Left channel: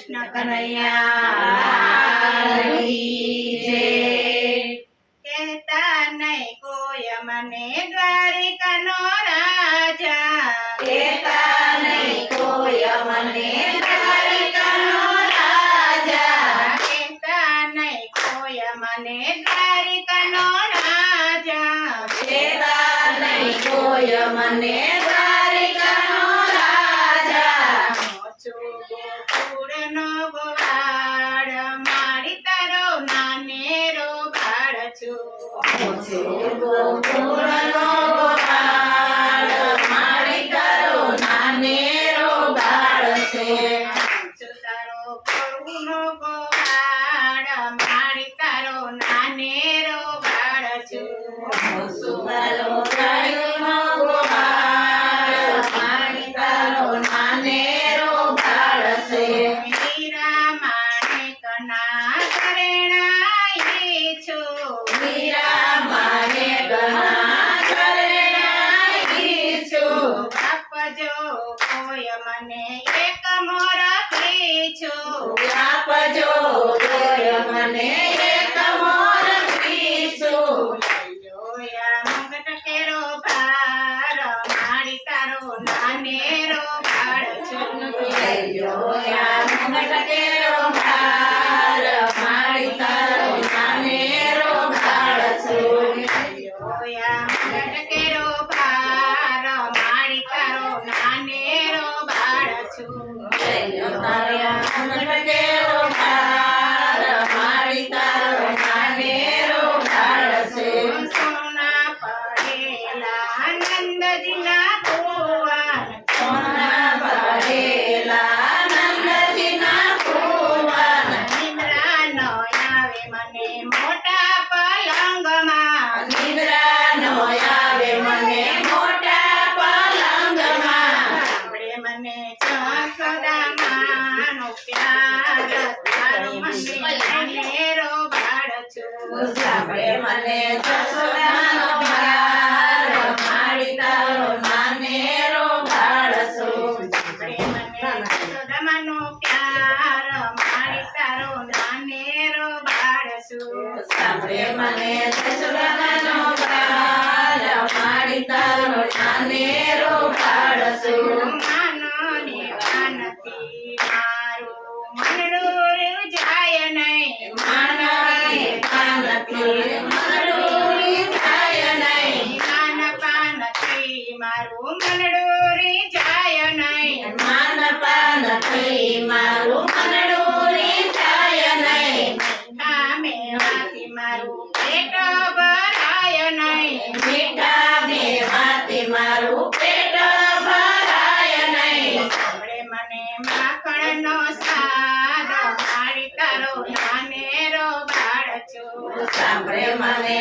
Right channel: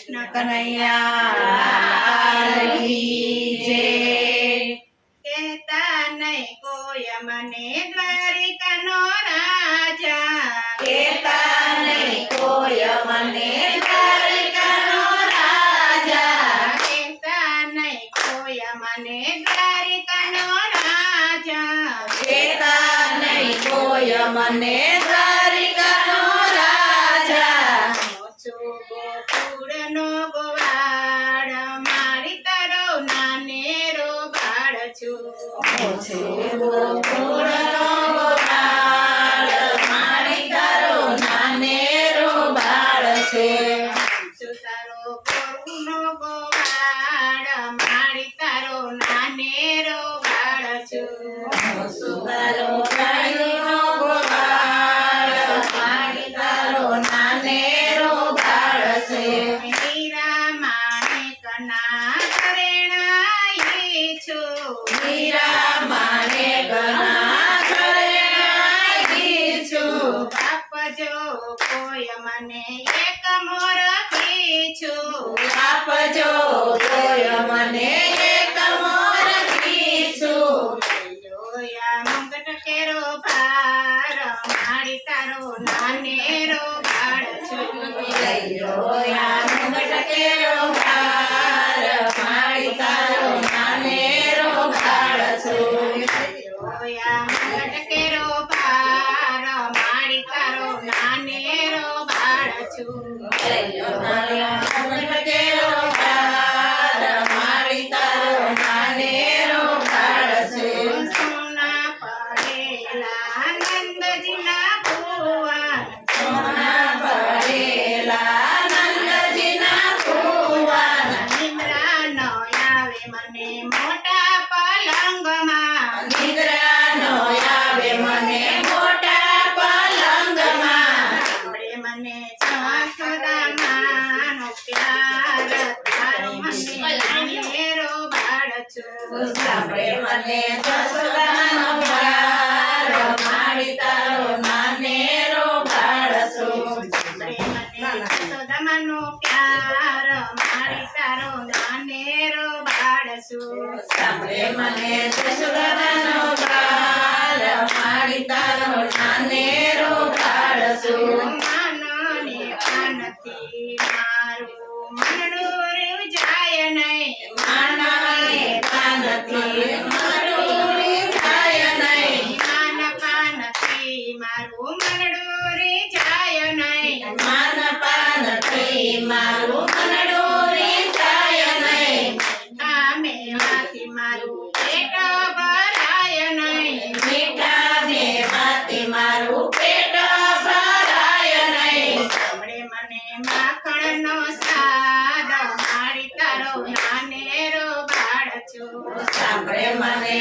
કૃષ્ણ કનૈયા કેતા નહીં કોઈ મને દ્વારિકાનો રાજા. રાજા. કેતા નહીં કોય મને દ્વારિકાનો રાજા. કેતા મને বছর આપજો કોઈ મને એક મોરખી છું. આપજો કોઈ મને એક મોરખી છું. લોયા મંગટ કેરો ભાર મારી તારો નાનેરો ભાર છું. લોયા મંગટ કેરો ભાર મને જસોદા ભાર માડી તારો માનેરો ભાળસો મને જસોદામાનો પ્યાર માડી તારો માનેરો ભાળસો સાંભળે મને જસોદાનો ભાર માડી તારો માનેરો ભાળસો మనే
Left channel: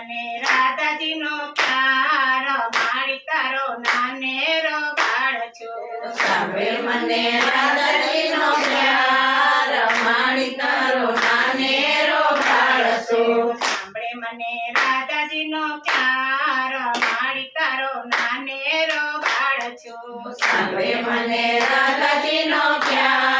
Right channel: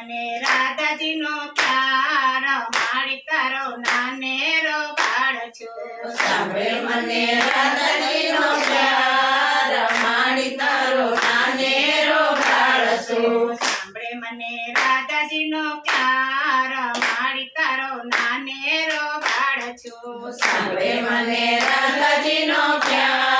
રાધાજી નો પ્યાર મારી તારો નાનેરો બાળ છો. સાંભળે મને રાધાજીનો પ્યાર મારી તારો નાનેરો બાળ છો. સાંભળે મને રાધાજીનો પ્યાર મારી તારો નાનેરો બાળ છો. સાંભળે મને રાધાજીનો પ્યાર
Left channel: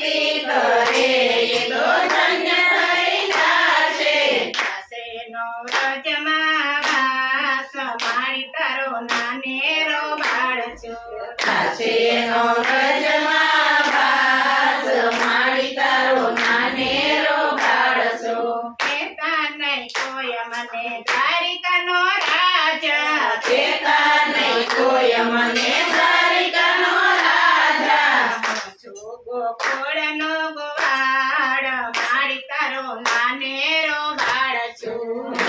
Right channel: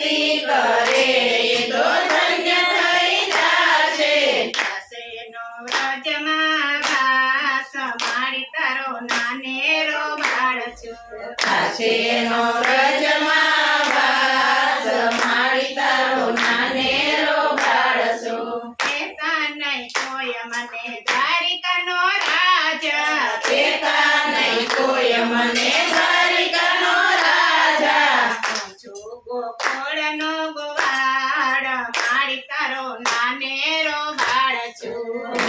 ભક્તિ કરે તો ધન્ય થઈ જાશે. થશે વ્રજમાં ભાસ મારી તારો નાનેરો બાળ છું થશે નો રજમાં મારી તારો નાનેરો બાળસો કહેતા નહીં કોઈ મને દ્વારિકાનો રાજા. કેતા નહીં કોઈ મને